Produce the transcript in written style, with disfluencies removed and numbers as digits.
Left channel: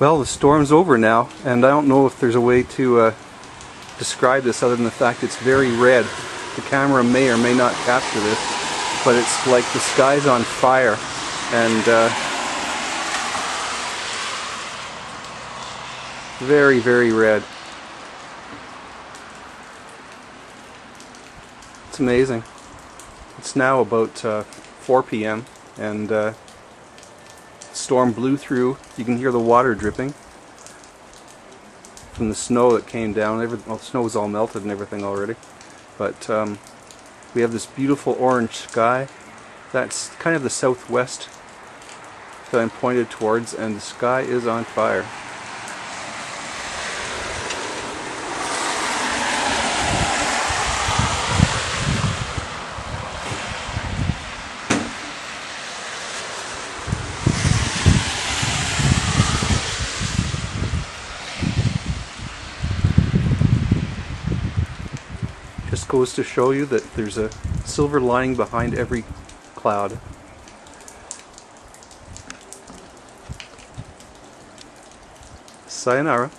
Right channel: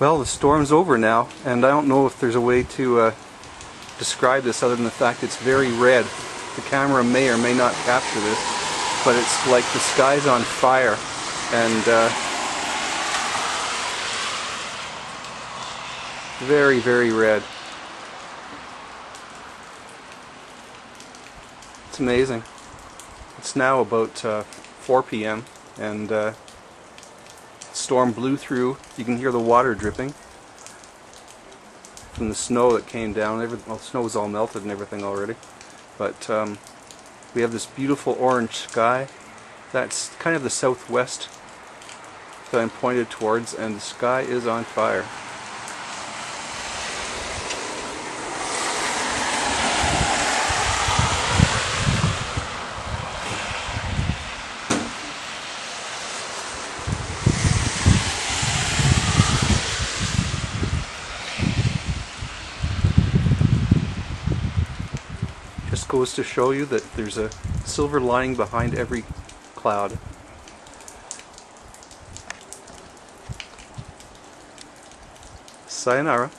Well, the storm's over now, and I don't know if there's a way to describe this other than the fact it's very red. The camera may or may not capture this, but it's like the sky's on fire, and very, very red. It's amazing. It's now about 4 p.m. and the storm blew through. You can hear the water dripping from the snow that came down. Well, the snow was all melted and everything already. But we have this beautiful orange sky. That's kind of the southwest that I'm pointed towards, and the sky is on fire. Just goes to show you that there's a silver lining behind every cloud. Sayonara.